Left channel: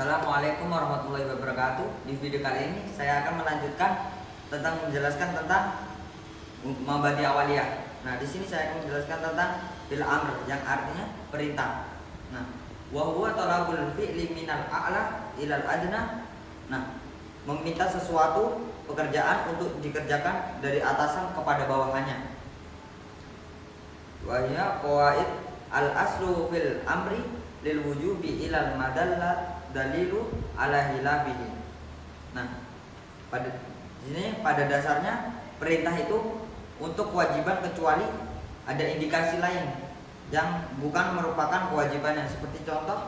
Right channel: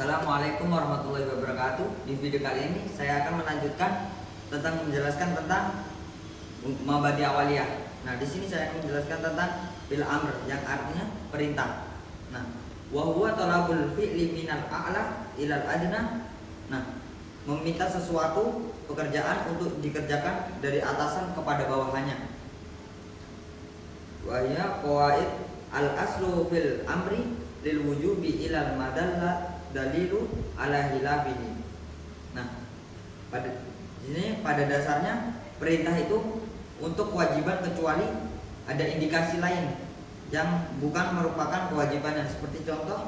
Assalamualaikum warahmatullahi wabarakatuh. Di video kali ini saya akan melanjutkan tentang menjelaskan tentang mabadi awaliyah. Nah, di sini saya akan menjelaskan tentang fil amr yang artinya perintah. Nah, wa huwa talabul fi'li minal a'la ilal adna. Nah, meminta sesuatu pekerjaan untuk dikerjakan dari atasan kepada bawahannya. Wa hiya qawaid al aslu fil amri lil wujubi ilal madalla dalilu ala hilafihi. Nah, pada dasarnya perintah itu untuk kewajiban kecuali ada indikasi lain yang bukan merupakan kewajibannya. Seperti contoh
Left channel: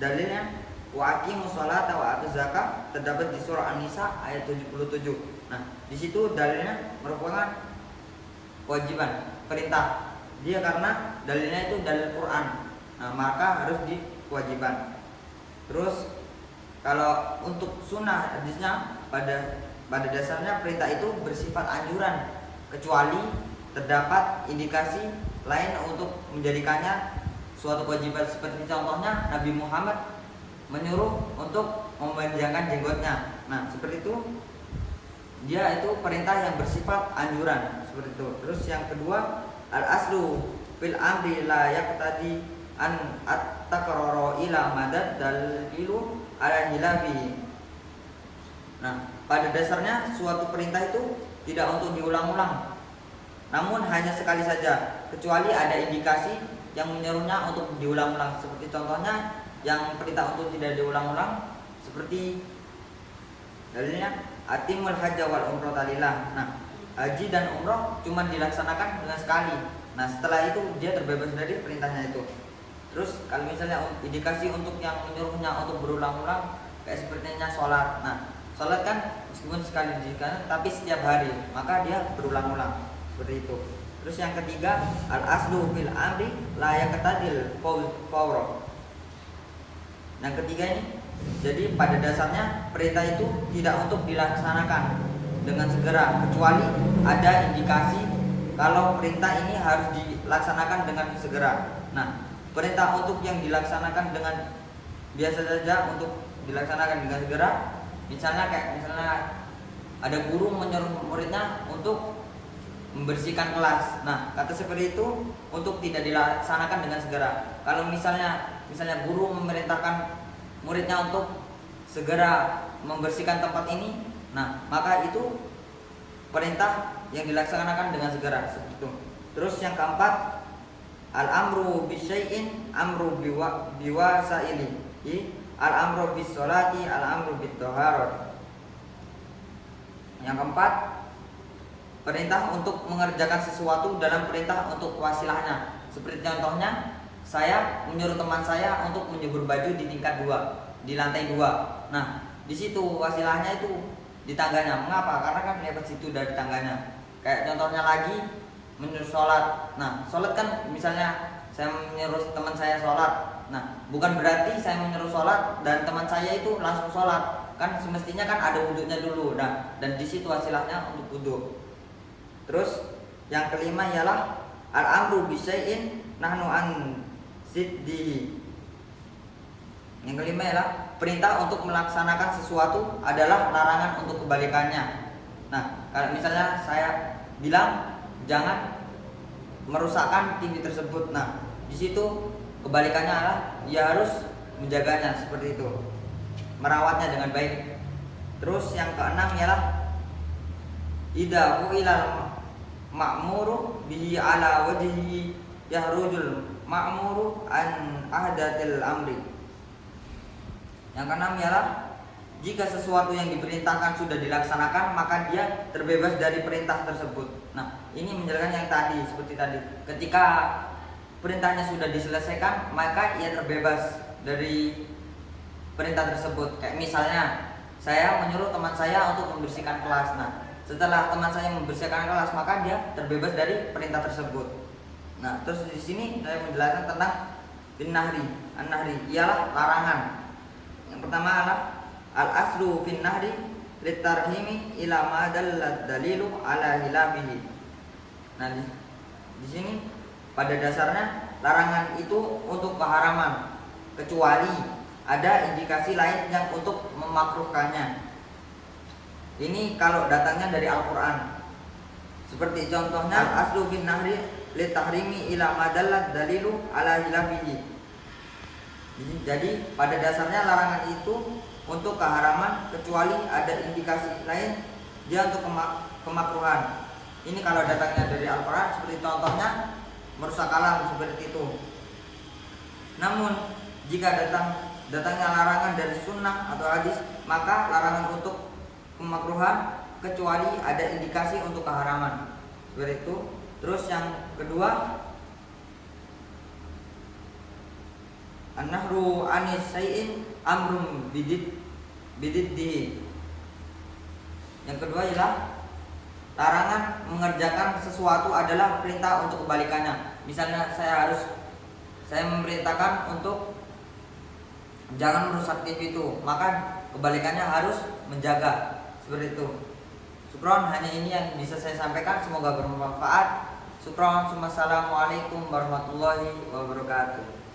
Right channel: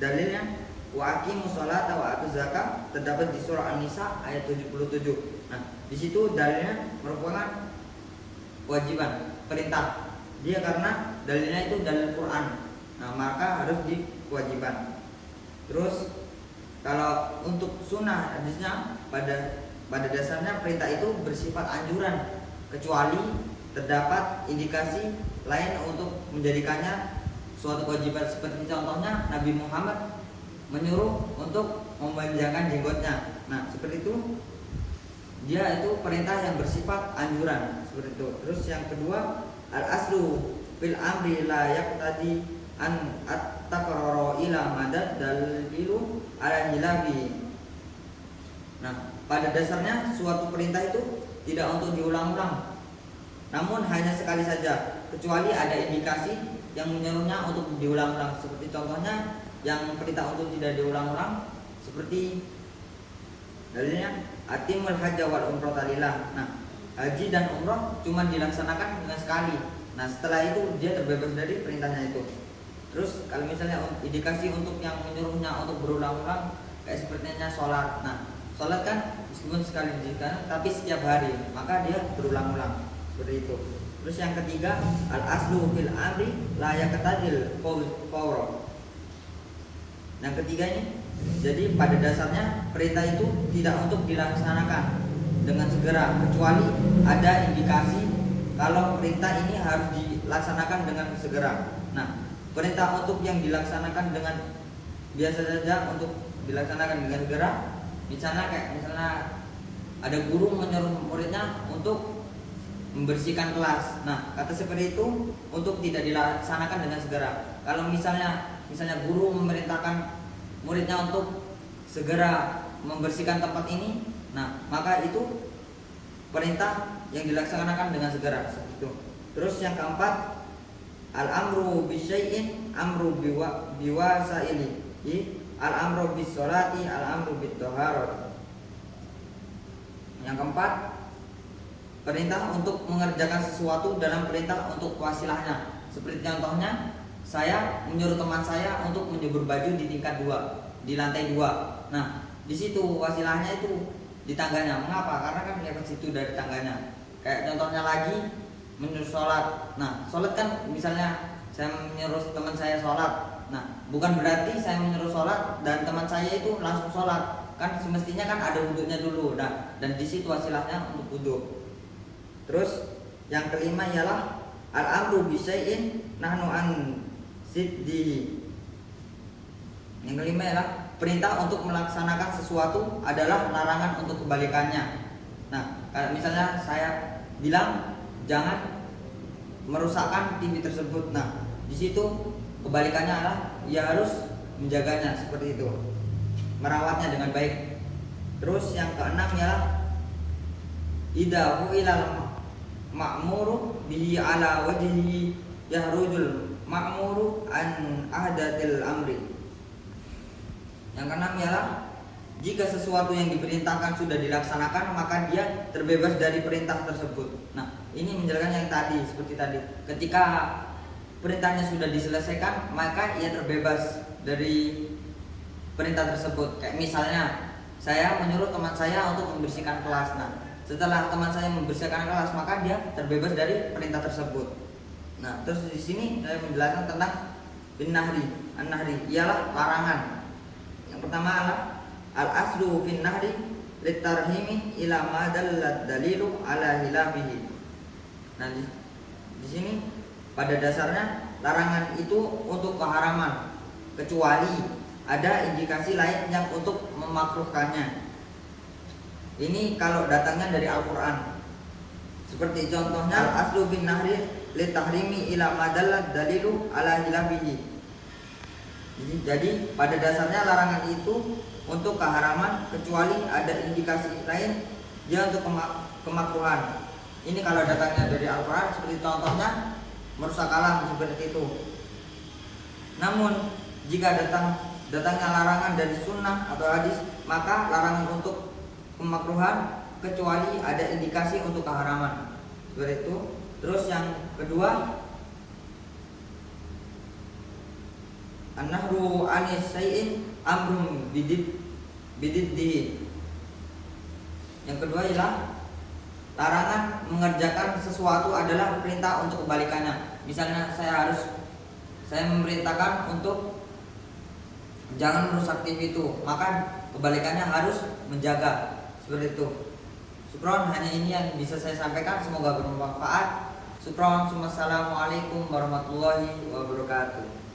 dalilnya wa aqimus sholata wa atuz zakah terdapat di surah An-Nisa ayat 77. Nah, di situ dalilnya merupakan kewajiban, perintah. Dia karena dalilnya itu dalil Quran. Nah, maka harus dikewajiban. Terus kalau untuk sunnah hadisnya pada dasarnya perintah itu bersifat anjuran kecuali terdapat indikasi lain untuk menjadikannya suatu kewajiban. Seperti contohnya Nabi Muhammad menyuruh untuk memanjangkan jenggotnya. Nah, seperti itu dia itu perintah yang bersifat anjuran seperti itu. Terus yang kedua, al aslu fil amri la yaqtadi an at-takrara ila madad dalilu ala hilafi. Nah, pada dasarnya suatu perintah itu tidak untuk diulang-ulang, namun hanya sekali saja, kecuali ada indikasi yang menyuruhnya untuk diulang-ulang. Seperti contohnya yang perintah untuk tidak diulang-ulang, seperti dalilnya atimul hajja wal umrata lillah. Nah, haji dan umroh cuma dilaksanakan dengan sekali. Nah, setelah itu dia terbebas dari perintahnya itu. Terus kalau misalnya indikasi untuk yang menyuruhnya untuk berulang-ulang, kayak sepertinya sholat. Nah, sholat kan meskipun sekali dilakukan tapi setiap hari, maka dia berulang-ulang seperti itu. Terus yang ketiga, al aslu fil amri la yaqtadil fawra. Yang ketiga ini, jadi pada dasarnya perintah itu tidak untuk dilaksanakan dengan segera, kecuali ada indikasi kalau perintah ini harus dilaksanakan dengan segera. Nah, perintah untuk yang dilaksanakan dengan biasa saja untuk dilaksanakan dengan segera, misalnya ada guru menyuruh muridnya untuk membersihkan kelas. Nah, kata seperti itu untuk tidak dilaksanakan dengan segera. Kalau misalnya guru memerintahkan muridnya untuk segera membersihkan tempat ini, nah maka itu perintah yang dilaksanakan dengan segera seperti itu. Terus yang keempat, al-amru bisyai'in amru biwasaili. Al-amru bis sholati, al-amru bit taharat. Yang keempat, perintah untuk mengerjakan sesuatu dalam perintah untuk wasilahnya. Seperti contohnya, saya menyuruh teman saya untuk menjemur baju di tingkat 2, di lantai 2. Nah, di situ wasilahnya itu di tangganya. Mengapa? Karena kan lewat situ dari tangganya. Kayak contohnya lagi menyuruh sholat. Nah, sholat kan misalnya saya menyuruh teman saya sholat. Nah, bukan berarti saya menyuruh sholat dan teman saya itu langsung sholat. Kan semestinya kan ada wudhunya dulu. Nah, dan di situ wasilahnya untuk wudhu. Terus yang kelima ialah al-amru bisyai'in nahnu an siddi. Yang kelima ialah perintah untuk melaksanakan sesuatu adalah larangan untuk kebalikannya. Nah, kalau misalnya saya bilang jangan merusakkan TV tersebut. Nah, di situ kebalikannya adalah ia harus menjaganya seperti itu, merawatnya dengan baik. Terus yang keenam ialah idza fu'ilal ma'muru bihi ala wajhihi yahrujul ma'muru an ahdatil amri. Yang keenam ialah jika sesuatu yang diperintahkan sudah dilaksanakan, maka dia terbebas dari perintah tersebut. Nah, ini menjelaskan yang tadi, seperti tadi. Ketika perintahnya sudah diselesaikan, maka ia terbebas dari perintah tersebut. Kayak misalnya, saya menyuruh teman saya untuk membersihkan kelas. Nah, setelah teman saya membersihkan kelas, maka dia terbebas dari perintah tersebut. Nah, terus di sini saya menjelaskan tentang bin-nahri. An-nahri ialah larangan. Yang pertama adalah al-aslu fin nahri litarhimi ila ma dallat dalilu ala hilafihi. Nah, di sini pada dasarnya larangan itu untuk keharaman, kecuali ada indikasi lain yang untuk memakruhkannya. Ini kalau datangnya dari Al-Quran. Seperti contohnya aslu bin nahri li tahrimi ila madallat dalilu ala hilafihi. Jadi pada dasarnya larangan itu untuk keharaman kecuali ada indikasi lain dia untuk kemakruhan. Ini kalau datangnya dari Al-Quran, seperti contohnya merusak alam seperti itu. Namun jika datangnya larangan dari sunnah atau hadis, maka larangan untuk kemakruhan kecuali ada indikasi untuk keharaman seperti itu. Terus yang kedua, an-nahru anis syai'in amrum bididdi. Yang kedua ialah larangan mengerjakan sesuatu adalah perintah untuk kebalikannya. Misalnya saya memerintahkan untuk jangan merusak TV itu, maka kebalikannya harus menjaga. Seperti itu. Syukron, hanya ini yang bisa saya sampaikan, semoga bermanfaat. Syukron, assalamualaikum warahmatullahi wabarakatuh.